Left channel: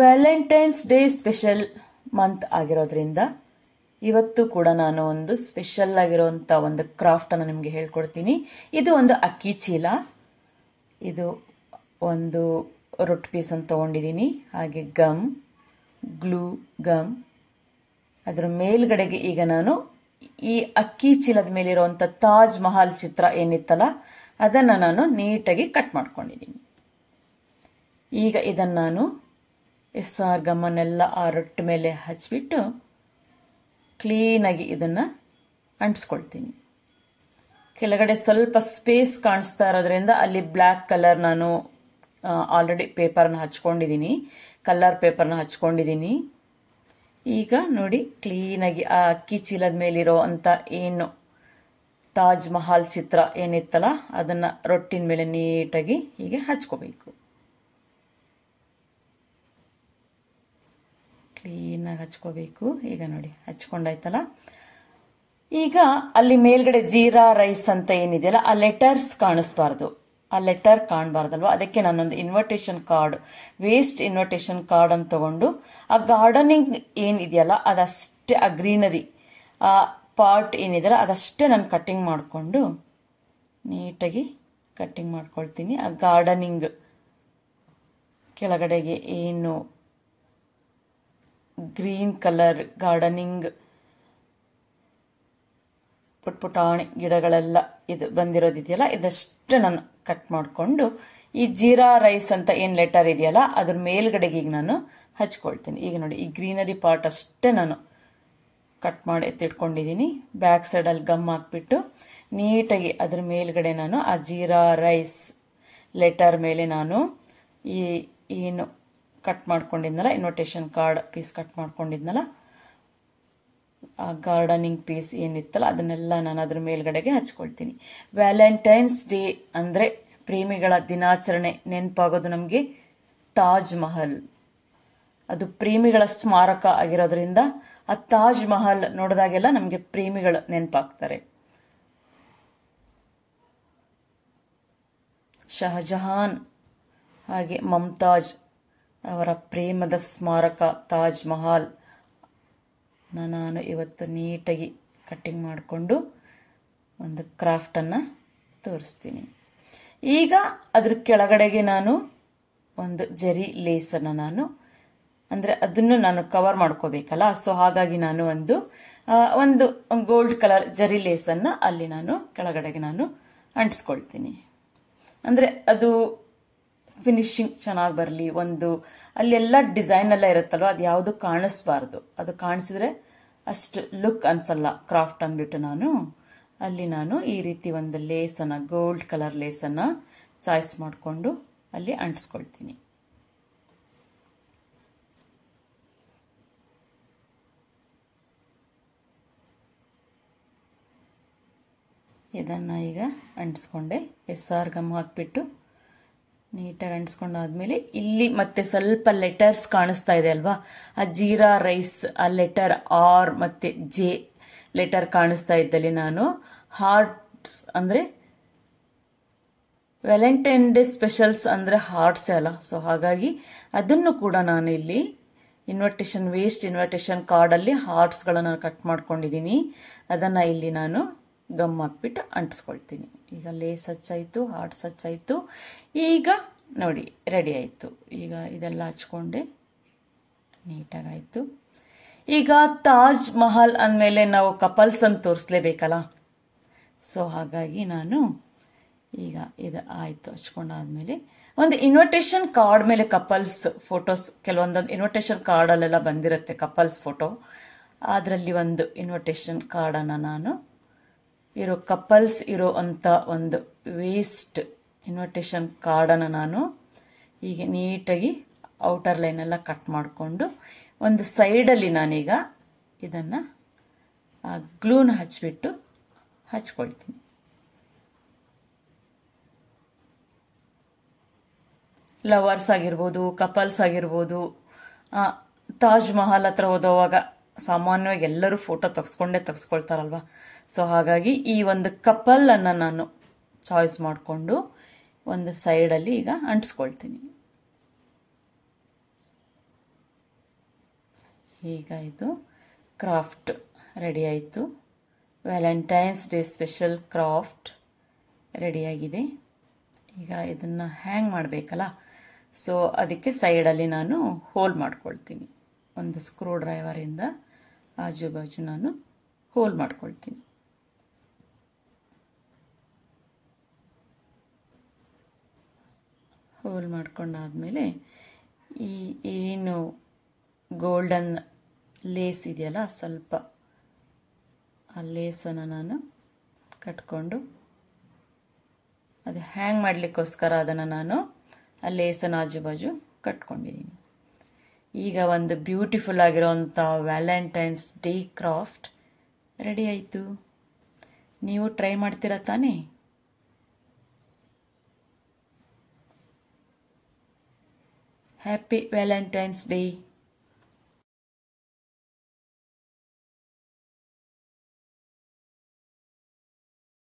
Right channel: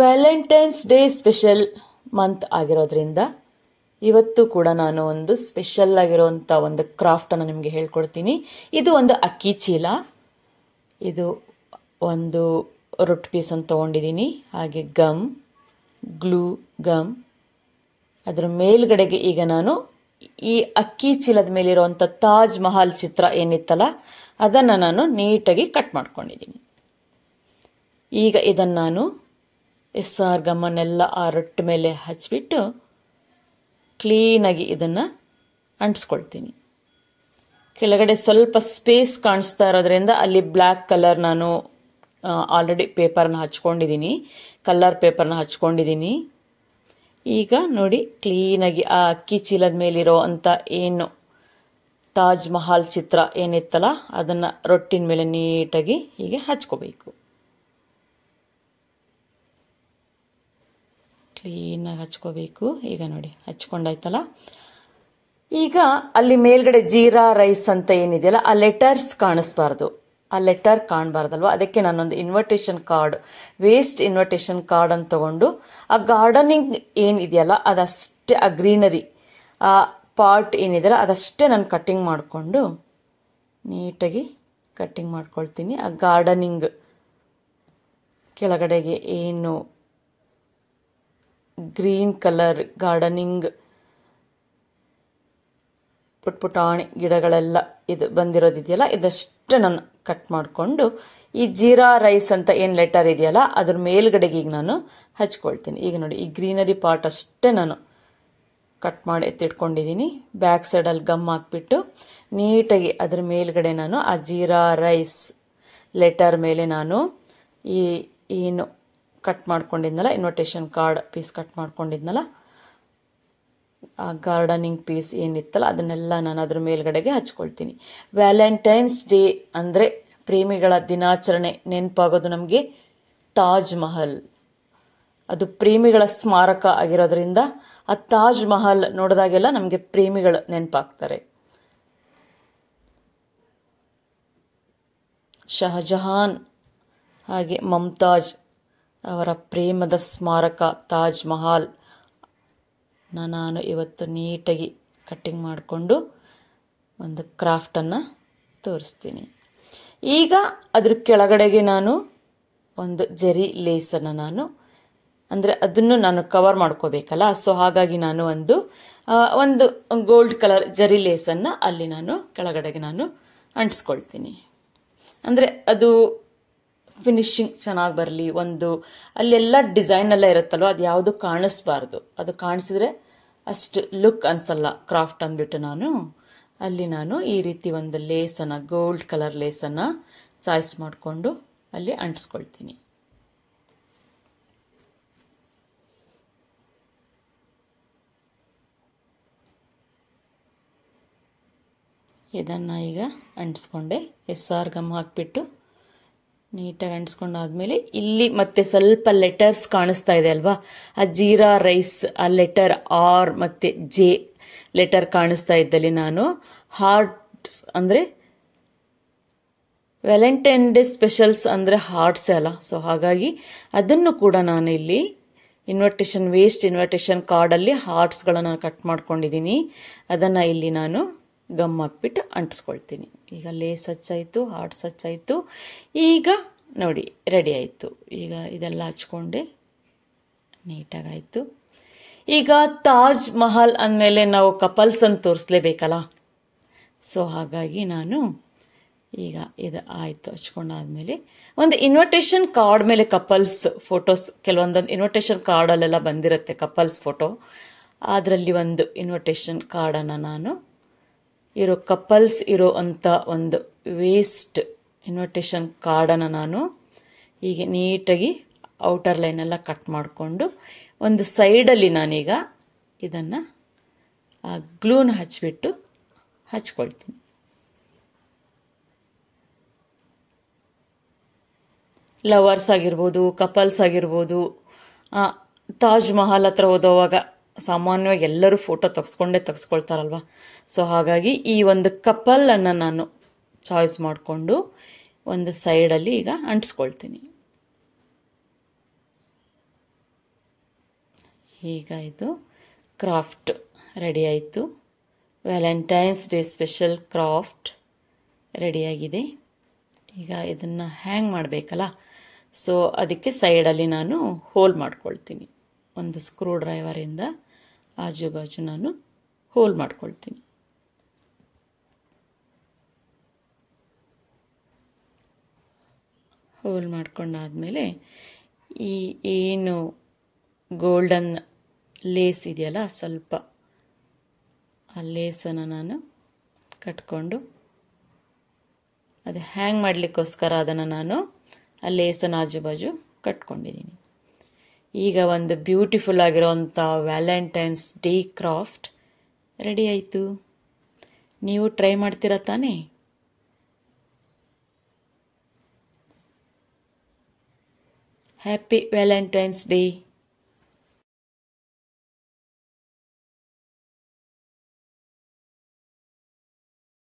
Valentine's day special month ಆಗಿರೋದ್ರಿಂದ ಇವತ್ತು ಕೂಡ ನಾನು ಒಂದು ಸ್ಪೆಷಲ್ ಆಗಿರುವಂತ ಒಂದು ಕ್ರಾಫ್ಟ್ ಅನ್ನು ನಿಮಗೆ ಹೇಳ್ಕೊಡ್ತೀನಿ. ಇದು ಒಂದು ಅಕ್ಕಿ ಚೀಲ. ಇದು ಒಂದು ರೊಟ್ಟಿ ಪೀಸ್ ಅಂತ ತಗೊಂಡಿದ್ದೀನಿ. ಹಾಗೆ ಗ್ಲೂ ಗಮ್. ಅದರ ಮೇಲ್ಗಡೆಗೆ ಈಗ ನಾನು ಈ ಅಕ್ಕಿ ಚೀಲದ ಮೇಲಿರುವಂತ ತಾಜ್ ಮಹಲ್ ಚಿತ್ರ ಏನಿತ್ತಲ್ಲ ಅದನ್ನ ನಾನು ನೀಟಾಗಿ ಕಟ್ ಮಾಡ್ಕೊಂಡಿದ್ದೀನಿ. ಈಗ ಇದನ್ನ ನಾನು SR ಗಮ್ಮನ್ನೆಲ್ಲ ಆ ರೊಟ್ಟಿ ಮೇಲೆ ಹಚ್ಚಿಬಿಟ್ಟು ಕ್ಲೀನಾಗಿ ಇದನ್ನ ಅಂಟಿಸ್ಕೊಳ್ತೀನಿ. ಕೆಳಗಡೆ ಸ್ವಲ್ಪ ಸ್ಪೇಸ್ ಕಾಣಿಸ್ತಾ ಇರೋದ್ರಿಂದ ಅಲ್ಲಿ ಬ್ಲ್ಯಾಕ್ ಕಲರ್ ನಾನು ಆಲ್ರೆಡಿ ಪೇಪರ್ನ ಹಚ್ಕೊಂಡಿದ್ದೀನಿ, ಕಲರ್ ಪೇಪರ್ನ ಹಚ್ಕೊಂಡಿದ್ದೀನಿ. ಈಗ ನೋಡಿ ಕ್ಲೀನಾಗಿ ಆ ಅಕ್ಕಿ ಚೀಲದ ಮೇಲಿರೋ ಅಂತ ಏನು ತಾಜ್ ಮಹಲ್ ಚಿತ್ರ ಏನಿತ್ತಲ್ಲ ಅದನ್ನ ರೊಟ್ಟಿನ ಮೇಲೆ ನೀಟಾಗಿ ಹೀಗೆ ಹಚ್ಕೋಬೇಕು. ಕ್ಲೀನಾಗಿ ಹಚ್ಕೋಬೇಕು. ಈಗ ನೋಡಿ ಹಚ್ಕೊಂಡಾಯ್ತಲ್ಲ. ಈಗ ಅಲ್ಲಿ ಮೇಲ್ಗಡೆ ಜೀರಾ ರೈಸ್ ಅಂತ ಏನಿದೆಯಲ್ಲ ಆ ಲೆಟರ್ಸ್ ಕಾಣಿಸ್ಬಾರ್ದು, ಆ ಲೆಟರ್ ಕಾಣಬಾರ್ದಲ್ವಾ. ಅದಕ್ಕೆ ನಾನೊಂದು invitation card, waste invitation card ಅಂತ ತಗೊಂಡು ಆ ಗಾರ್ಡನಿಂಗ್ ಏನಿದೆಯಲ್ಲ ಅದಷ್ಟೇ, ಆ ಗ್ರೀನರಿ ಆ ಪಾರ್ಟ್ ಏನಿದೆಯಲ್ಲ ಅದಷ್ಟೇ ನಾನು ಕಟ್ಟಿಂಗ್ ಮಾಡಿಕೊಂಡು ನೀಟಾಗಿ ಕಟ್ಟಿಂಗ್ ಮಾಡ್ಕೊಳ್ತೀನಿ. ಆ ಗಾರ್ಡನಿಂಗ್ ಕೆಳಗಡೆಗೆ ಏನು ಗ್ರೀನ್ ಕಲರ್ ಗಾರ್ಡನಿಂಗ್ ಪುಟ್ಪುಟಾಣಿ ಗಿಡಗಳೆಲ್ಲ ಇದು ಬಂದಿರೋದಿದೆಯಲ್ಲ ಇದಷ್ಟು ನಾನು ಕಟ್ ಮಾಡಿಕೊಂಡು ಈ ಜೀರಾ ರೈಸ್ ಅಂತ ಏನು ಲೆಟರ್ ಇದೆಯಲ್ಲ ಅದ್ರ ಮೇಲ್ಗಡೆಗೆ ಈಗ ನಾನು ಹಚ್ಕೊಳ್ತೀನಿ. ಈಗ ನೋಡಿ ಈ ಗ್ರೀನರಿ ಪಾರ್ಟ್ ಅಷ್ಟೇ ನಾನು ಕಟ್ ಮಾಡಿ ಎತ್ತಿಟ್ಕೊಂಡಿದ್ದೀನಿ. ಬ್ಯಾಕ್ ಸೈಡಲ್ಲಿ ಗಮ್ ಹಾಕ್ಬಿಟ್ಟು ನೀಟಾಗಿ ಅದ್ರ ಮೇಲ್ಗಡೆ ನಾನು ಆ ಜೀರಾ ರೈಸ್ ಲೆಟರ್ ಮೇಲೆ ನಾನು ಈ ಏನು ಕಟ್ ಮಾಡ್ಕೊಂಡಿದ್ನಲ್ಲ ಇನ್ವಿಟೇಷನ್ ಕಾರ್ಡ್ ಪೀಸ್ ಕಟ್ ಮಾಡ್ಕೊಂಡಿದ್ನಲ್ಲ ಆ ಗಾರ್ಡನಿಂಗ್ ಪೀಸ್ ಏನಿತ್ತಲ್ಲ ಅದನ್ನೆಲ್ಲ ನಾನು ಅದ್ರ ಮೇಲ್ಗಡೆಗೆ ಹಚ್ಕೊಳ್ತೀನಿ. ವ್ಯಾಲೆಂಟೈನ್ಸ್ ಡೇ ಅಂದರೆ ಪ್ರೇಮಿಗಳ ದಿನಾಚರಣೆ ನೆನಪಾಗೋದು ನಮಗೆ ತಾಜ್ ಮಹಲ್. ಅದು ಪ್ರೇಮಿಗಳ ಸ್ಮಾರಕ ಆಗಿರೋದ್ರಿಂದ ಆ ತಾಜ್ ಮಹಲ್ ನೋಡಿದಾಗೆಲ್ಲ ನಮಗೆ ಪ್ರೇಮಿಗಳು ನೆನಪಾಗ್ತಾರೆ. ಶಹಜಹಾನ್ ಹಾಗೆ ಮಮತಾಜ್ ಅವರ ಪ್ರೇಮದ ಸ್ಮಾರಕ ತಾಜ್ ಮಹಲ್ ನಾನು ಇವತ್ತು ನೀಟಾಗಿ ಕಟ್ಟಿಂಗ್ ಮಾಡಿಕೊಂಡು ಒಂದು ಕ್ರಾಫ್ಟನ್ನು ತೋರಿಸ್ತೀನಿ. ಈಗ ಅದ್ರ ಕೆಳಗಡೆಗೆ ನಾನು ಒಂದು ಜರಿ ಲೇಸನ್ನು ನಾನು ಅಂದರೆ ಅದನ್ನು ನಾನು ಕವರ್ ಮಾಡ್ಕೋಬೇಕಲ್ಲ, ಸೊ ಹಾಗಾಗಿ ನಾನು ಒಂದು ಗೋಲ್ಡ್ ಕಲರ್ ಜರಿ ಲೇಸನ್ನು ಅಲ್ಲಿ ನಾನು ಕೆಳಗಡೆಗೆ ನಾನು ಅಂಟಿಸ್ಕೊಳ್ತೀನಿ. ಅಂದರೆ ಅದು ಫಿನಿಶಿಂಗ್ ಚೆನ್ನಾಗಿ ಬರಲಿ. ಅಲ್ಲೆಲ್ಲ ಡಿಸೈನ್ ಎಲ್ಲ ಇರುತ್ತಲ್ವ ಅದು ಯಾವುದು ಕಾಣಿಸ್ಬಾರ್ದು. ಅದು ಕಾಣಿಸಿದ್ರೆ ಅಷ್ಟು ಲುಕ್ ಅನ್ಸಲ್ಲ ಕ್ರಾಫ್ಟ್ ಅಂದ್ಬಿಟ್ಟು ನಾನು ಈ ರೀತಿ ಒಂದು ಲೇಸನ್ನು ಗೋಲ್ಡ್ ಕಲರ್ ಲೇಸನ್ನು ಚಾಯ್ಸ್ ಮಾಡಿಕೊಂಡು ಅಲ್ಲಿ ಅಂಟಿಸ್ಕೊಳ್ತೀನಿ. ಇದನ್ನು ಈಗ ಅಂಟಿಸ್ಕೊಂಡೆ. SR ಗಮ್ ಹಾಕ್ಬಿಟ್ಟು ನೀಟಾಗಿ ಅಂಟಿಸ್ಕೊಂಡಾದ್ಮೇಲೆ ಇಲ್ಲಿ ಮತ್ತೆ ಸ್ವಲ್ಪ ಲೆಟರ್ಸ್ ಕಾಣಿಸ್ತಾ ಇದೆ ಅಲ್ವಾ, ಆ ಜೀರಾ ರೈಸ್ ಆ ಲೆಟರ್ R ಮತ್ತೆ J ಲೆಟರ್ ಕಾಣಿಸ್ತಾ ಇದ್ದಲ್ಲಿ ನಾನು ಹಾರ್ಟ್ಸ್ ಅಂದರೆ ವ್ಯಾಲೆಂಟೈನ್ ಡೇ ಸ್ಪೆಷಲ್ಸ್ ಅಂದರೆ ಹಾರ್ಟ್ಸೇ ಅಲ್ಲ, ಸೊ ಹಾಗಾಗಿ ಅದನ್ನು ಕೂಡ ನಾನು ಇಲ್ಲಿ ವೇಸ್ಟ್ ಇನ್ವಿಟೇಷನ್ ಕಾರ್ಡಲ್ಲಿ ಹಾರ್ಟ್ಸ್ಗಳನ್ನು ಕಟ್ ಮಾಡ್ಕೊಂಡಿದ್ದೀನಿ. ಅದನ್ನು ಇಲ್ಲಿ ನಾನು ಗಮ್ ಹಾಕ್ಬಿಟ್ಟು ಅಂಟಿಸ್ಕೊಳ್ತೀನಿ. ಈಗ ಲೇಸ್ ಹಚ್ಚಾಯಿತು, ಹಾರ್ಟ್ಸ್ ಹಚ್ಚಾಯಿತು. ಈಗ ನೋಡಿ ರೆಡಿ ಆಯಿತು. ಈಗ ಇದೆಲ್ಲ ಹಚ್ಕೊಂಡೆ ನೀಟಾಗಾಯಿತು. ಈಗ ತಾಜ್ ಮಹಲ್ ಅಂದಮೇಲೆ ನಾವು ಕಪಲ್ಸ್ ಅಂತ ತೋರಿಸ್ಲೇಬೇಕಲ್ಲ, ಸೊ ಹಾಗಾಗಿ ನಾನು ಈಗ ಇದು ಆಯಿತು ಹಚ್ಕೊಂಡಾದ್ಮೇಲೆ ಒಂದು ಇನ್ವಿಟೇಷನ್ ಕಾರ್ಡ್ ಮೇಲೆ ಕಪಲ್ಸ್ ಫೋಟೋಸ್ ಕೆಲವೊಂದೊಂದು ಇನ್ವಿಟೇಷನ್ ಕಾರ್ಡಲ್ಲೆಲ್ಲ ಬಂದಿರುತ್ತೆ ಕಪಲ್ಸ್ ಫೋಟೋ. ಅದರಲ್ಲಿ ಒಂದು ಇನ್ವಿಟೇಷನ್ ಕಾರ್ಡನ್ನು ನಾನು ಕಪಲ್ಸ್ ಇರೋ ಅಂಥ ಒಂದು ವೇಸ್ಟ್ ಇನ್ವಿಟೇಷನ್ ಕಾರ್ಡನ್ನು ನಾನು ಹೀಗೆ ನೀಟಾಗಿ ಔಟರ್ ಲೈನೆಲ್ಲ ಕಟ್ ಮಾಡಿಕೊಂಡು ಒಂದು ಸೈಡಲ್ಲಿ ನಾನೀಗ ಇದನ್ನು ಗ್ಲೂನ ಹಚ್ಚಿಬಿಟ್ಟು ಹಚ್ಕೊಳ್ತೀನಿ. ಲವರ್ಸ್ ಆಗಿರ್ಬೋದು, ಕಪಲ್ಸ್ ಆಗಿರ್ಬೋದು, ತಾಜ್ ಮಹಲ್ ಹತ್ರ ಹೋದವಾಗ ಸಾಮಾನ್ಯವಾಗಿ ಎಲ್ಲರೂ ಫೋಟೋ ತೆಗೆಸ್ಕೊಳ್ತಾರಲ್ವ, ಸೊ ಹಾಗಾಗಿ ಈ ಒಂದು ಕಪಲನ್ನು ನಾನು ಚಾಯ್ಸ್ ಮಾಡಿಕೊಂಡು ಒಂದು ಸೈಡಲ್ಲಿ ಈಗ ಅಂಟಿಸ್ಕೊಳ್ತೀನಿ. ಈಗ ಇದು ಕ್ರಾಫ್ಟ್ ರೆಡಿ ಆಯಿತು. ವ್ಯಾಲೆಂಟೈನ್ಸ್ ಡೇ ಸ್ಪೆಷಲ್ ಕ್ರಾಫ್ಟ್ ರೆಡಿಯಾಗಿದೆ. ಈಗ ಇದನ್ನು ಹ್ಯಾಂಗ್ ಮಾಡಬೇಕಲ್ಲ, ಸೊ ಅದಕ್ಕೆ ಸೈಡಲ್ಲಿ ನಾನು ಹೋಲ್ ಮಾಡ್ಕೊಳ್ತೀನಿ. ಒಂದು ಸ್ಕ್ರೂ ಡ್ರೈವರಿಂದ ಆಜು ಬಾಜು ನಾನು ಹೋಲ್ ಮಾಡ್ಕೊಳ್ತೀನಿ. ಹೋಲ್ ಮಾಡ್ಕೊಂಡಾದಮೇಲೆ ಈ ಏನು ಗೋಲ್ಡನ್ ಲೇಸ್ ಇದೆಯಲ್ಲ, ಸ್ವಲ್ಪ ಆ ಲೇಸನ್ನು ನಾನು ಕಟ್ಕೊಂಡು ಅದು ಹ್ಯಾಂಗ್ ಮಾಡಲಿಕ್ಕೋಸ್ಕರ ಅದನ್ನು ನಾನು ಆ ಲೇಸನ್ನು ಆಜು ಬಾಜು ಕಟ್ಕೊಂಡಿದ್ದೀನಿ. ಈಗ ಒಂದು ಬ್ಯೂಟಿಫುಲ್ ಆಗಿರೋವಂಥ ವ್ಯಾಲೆಂಟೈನ್ಸ್ ಡೇ ಕ್ರಾಫ್ಟ್ ರೆಡಿ ಆಯಿತು. ನೀವು ಟ್ರೈ ಮಾಡ್ತೀರಾ ತಾನೇ? Happy valentine's day.